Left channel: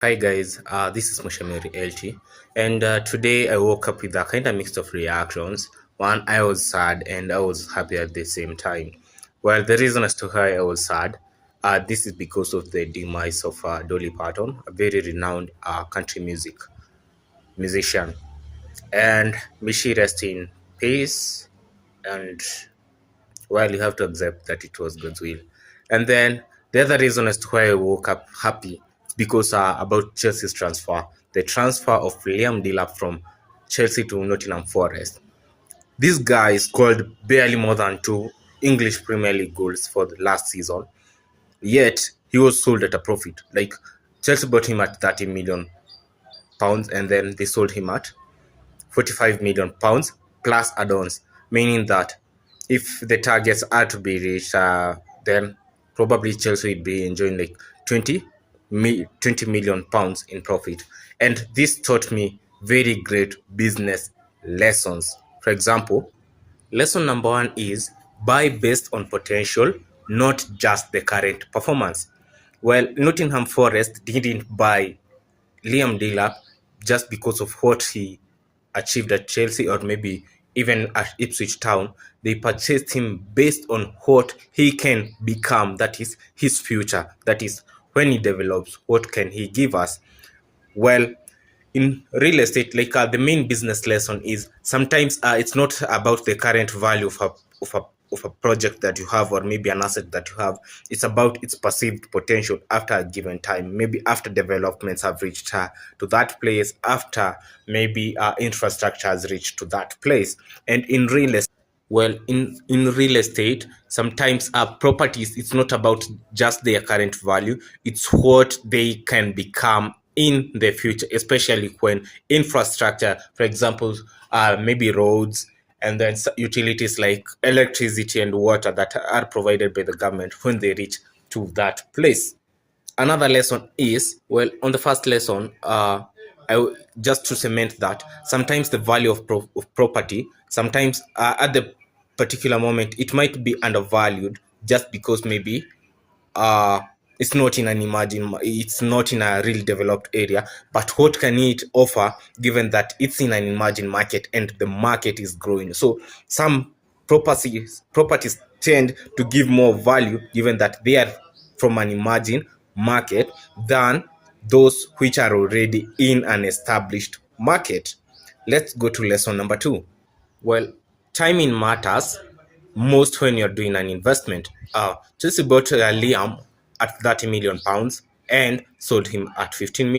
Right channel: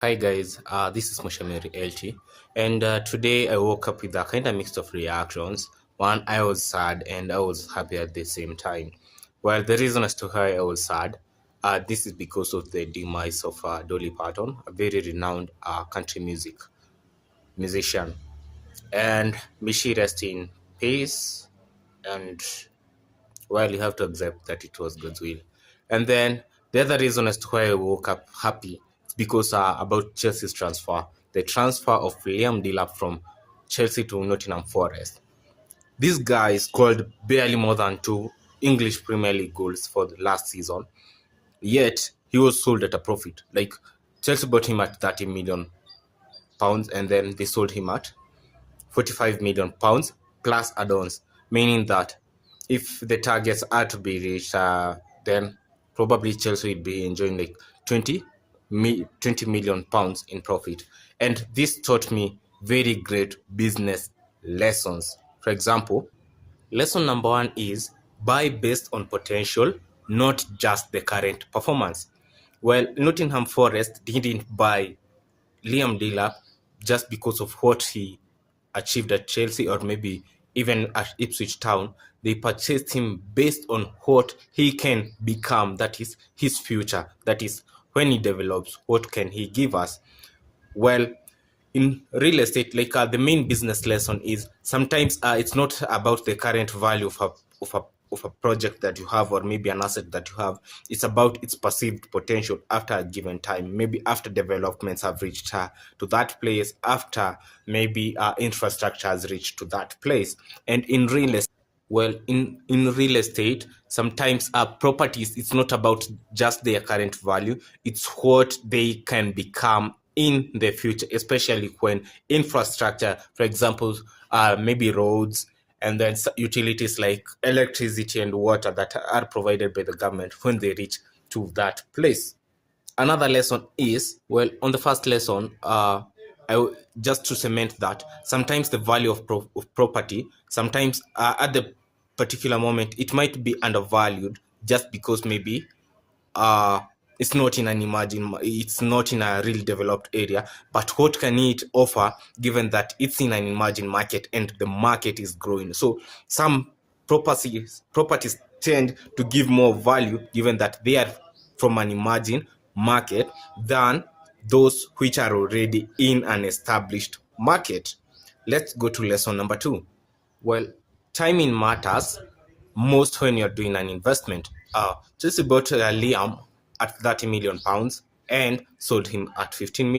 Hi guys, this is Moshamiri LT, and today I woke up with a kind of mix of reactions. One, I was sad and I was happy at the same time. Well, the reason as to why I was sad, this is because of the demise of Dolly Parton, a very renowned country musician, and may she rest in peace. And well, you have to accept that it was God's will. And then the other reason as to why I woke up happy is because about Chelsea's transfer, the transfer of Liam Delap from Chelsea to Nottingham Forest. This guy scored barely more than two English Premier League goals for the last season, yet he was sold at a profit. Like Chelsea bought him at 30 million pounds, and then they sold him at 45 million pounds plus add-ons, meaning that if the targets are to be reached, then probably Chelsea will be enjoying like 20 million pounds in profit. And this taught me very great business lessons. For example, lesson number one is buy based on potential, not just the current performance. Well, Nottingham Forest didn't buy Liam Delap just because of what he achieved at Chelsea or maybe even at Ipswich Town. They purchased him based on what he can become, that is his future, that is when he develops, what can he give us. Well, in real estate, like the main business lesson is sometimes it's not about the current value of a of a project that you have or maybe an asset that you have. It's about its perceived potential after a given time, maybe after developments have reached to that place, after maybe infrastructure has reached to that place. And in real estate, well, in real estate, sometimes properties, it's not about just their current value, it's what they can become in the future, especially when infrastructure, for example, maybe roads and then utilities like electricity and water that are provided by the government, when they reach to that place. Another lesson is, well, on the first lesson, just to cement that sometimes the value of property, sometimes at the particular moment it might be undervalued just because maybe uh it's not in an it's not in a real developed area, but what can it offer given that it's in an emerging market and the market is growing? So some properties tend to give more value given that they are from an emerging market than those which are already in an established market. Let's go to lesson number two. Well, timing matters most when you're doing an investment. Chelsea bought Liam at 30 million pounds and sold him at 15 million.